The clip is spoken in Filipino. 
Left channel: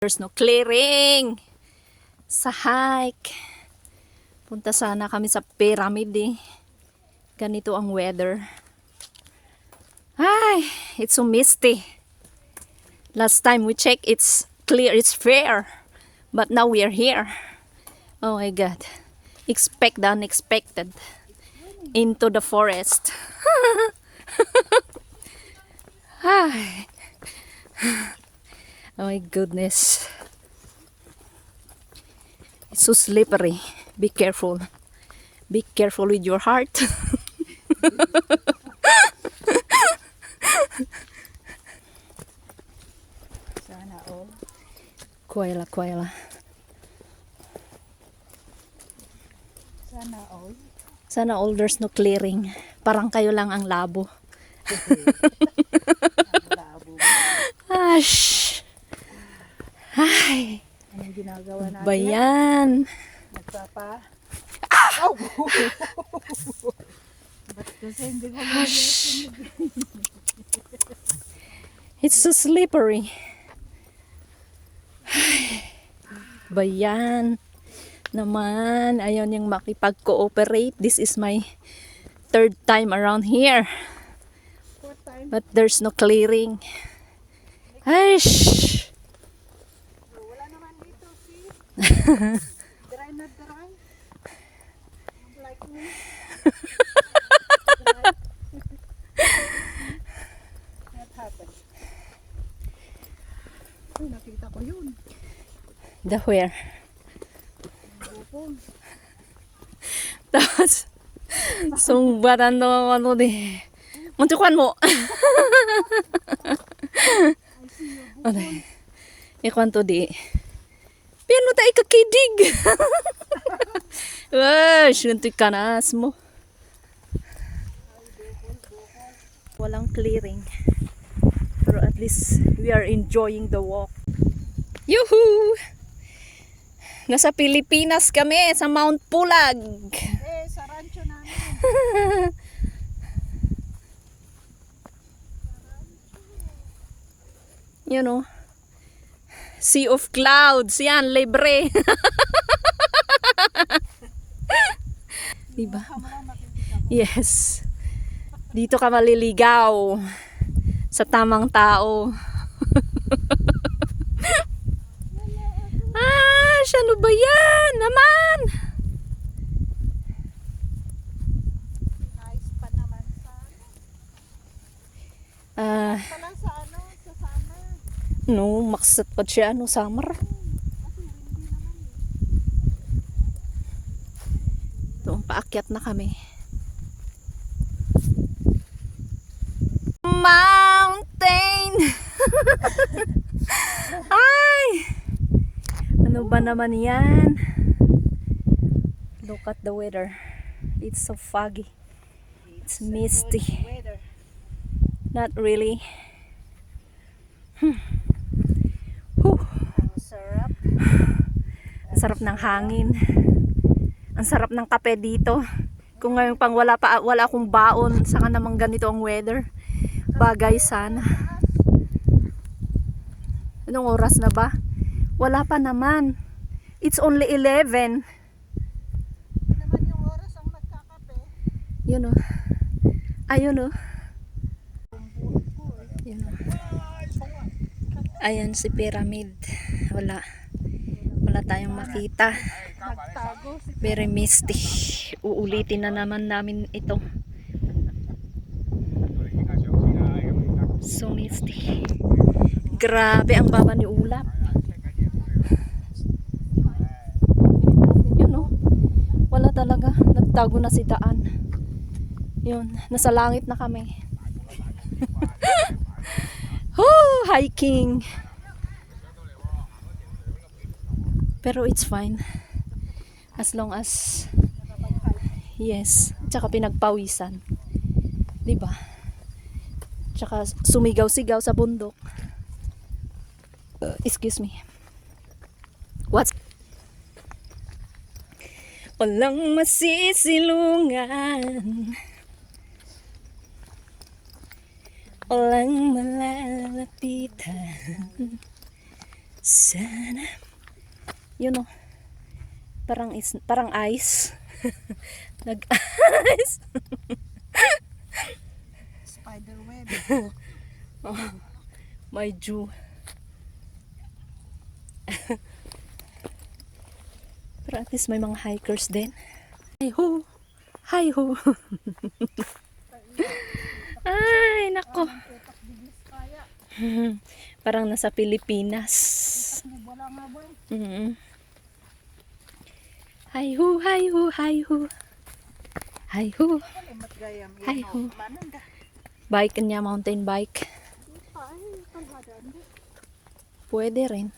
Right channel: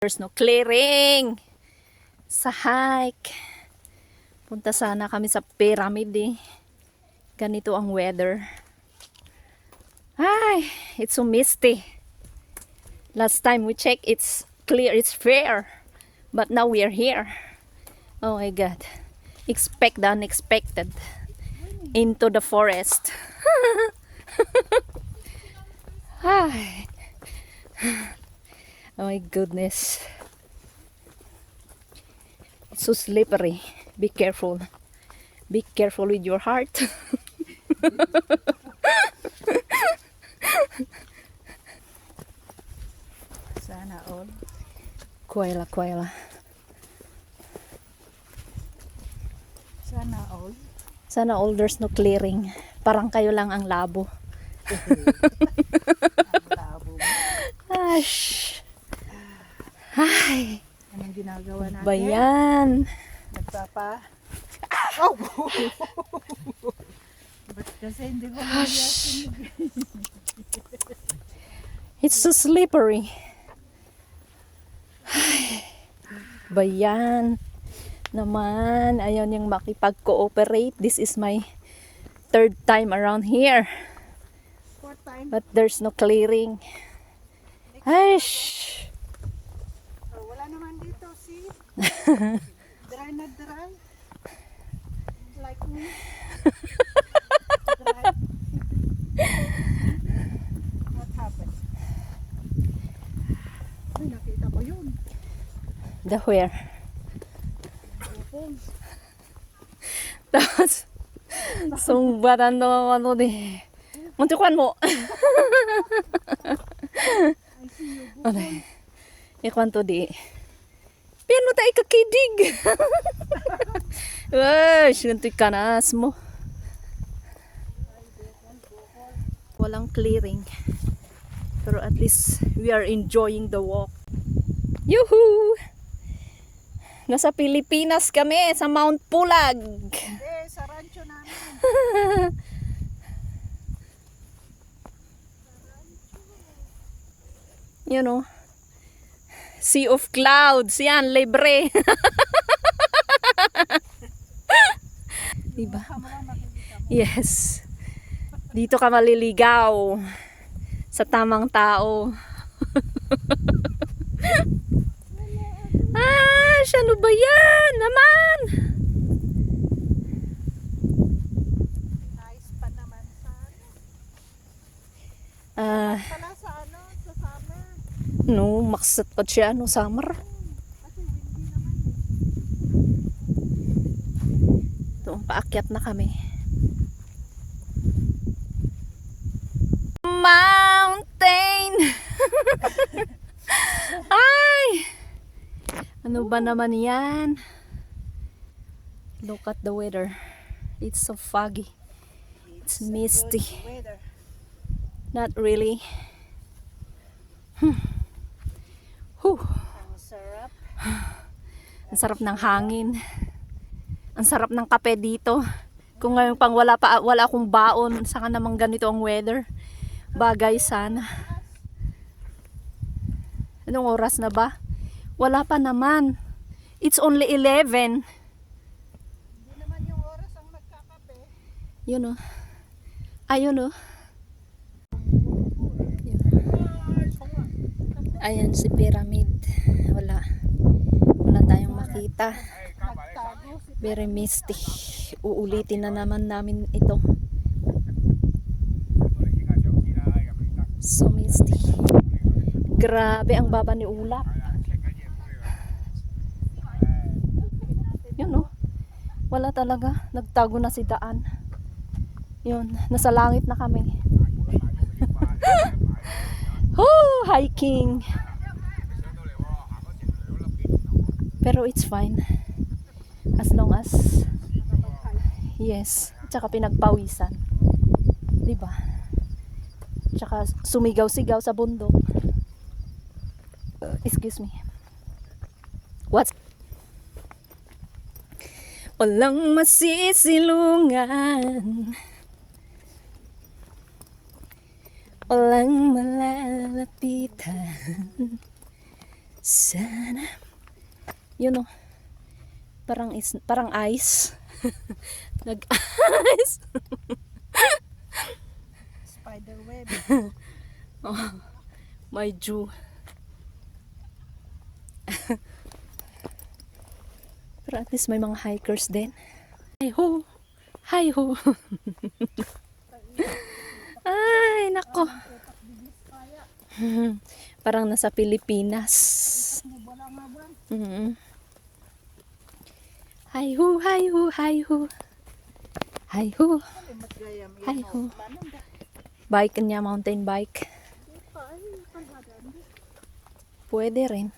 There's no clearing sa hike. Punta sana kami sa pyramid eh. Ganito ang weather. Ay, it's so misty. Last time we checked, it's clear, it's fair. But now we are here. Oh my God. Expect the unexpected. Into the forest. Ay. Oh my goodness. It's so slippery. Be careful. Be careful with your heart. Sana all. Kuwaila, kuwaila. Sana all. Sana all there's no clearing. Parang kayo lang ang labo. Ang labo. Ash. Ay. Anong ginagawa natin? Bayan. Nagpapa... Oh! Ba't kasi hindi ko nagyasin? It's so slippery. Ay. Bayan. Naman. Ayaw niyang makipag-cooperate. This is my third time around here. Fourth time. But there's no clearing. Ay. Wala naman dito, see? Dry na dry. Like me. Dry. What happened? Ay, nakita ko yun. The where? Opo. Tapos, sumbatan daw ano di. Muntukan mo. Ano? Ikwanto di. Piano tayo kakidig. Wah, suntik ka na mo. Walang clearing. Pero at least we are enjoying the walk. Yuhu! Nasa Pilipinas kami, sa Mount Pulag. Eh, sa rancho namin. You know, sea of clouds. Yan, libre. Diba? Yes. Dito ka maliligaw sa tamang tao. Ah, ano ba yan? Naman! Nice pa naman sa... Ah, Pala sa ano, sa summer. no, maksat pa siya, no, summer. Kasi windy naman. Doon, paakyat na kami. Mountain! Ay! Ano ba naman yan? Look at the weather. It's so foggy. It's misty. Weather. Not really. Huh. Ang sarap. Ang sarap ng hangin. Ang sarap ng kape dito. Kung ngayon pang wala akong baon, saka namang ganito ang weather. Bagay sana. Anong oras na ba? Wala pa naman. It's only 11. Naman yung oras ang magkakape. Yun o. Ayun o. Ayan si pyramid. Wala tayong makita. Nagtago si Very misty. Uulitin na naman namin ito. So misty. Grabe ang baba ni ulap. Yun o. Wala talaga. Nagtago na si daan. Yun. Nasa langit na kami. Oh, hiking. Pero it's fine. As long as yes, tsaka pinagpawisan. 'Di ba? Tsaka sumigaw-sigaw sa bundok. Excuse me. What's walang masisilungan, walang malalapitan Sana. Yun o. Parang ice. Nag-ice. Spider web. Oh, my Jew. Pero at least may mga hikers din. Hi ho! Hi ho! Ay, nako. Parang nasa Pilipinas. Wala nga ba? Hi ho, hi ho, hi ho. Hi ho. Kalimat gayam. Hi ho. Manang da. Bike niya, mountain bike. Paano yung panhadan? Pwede rin.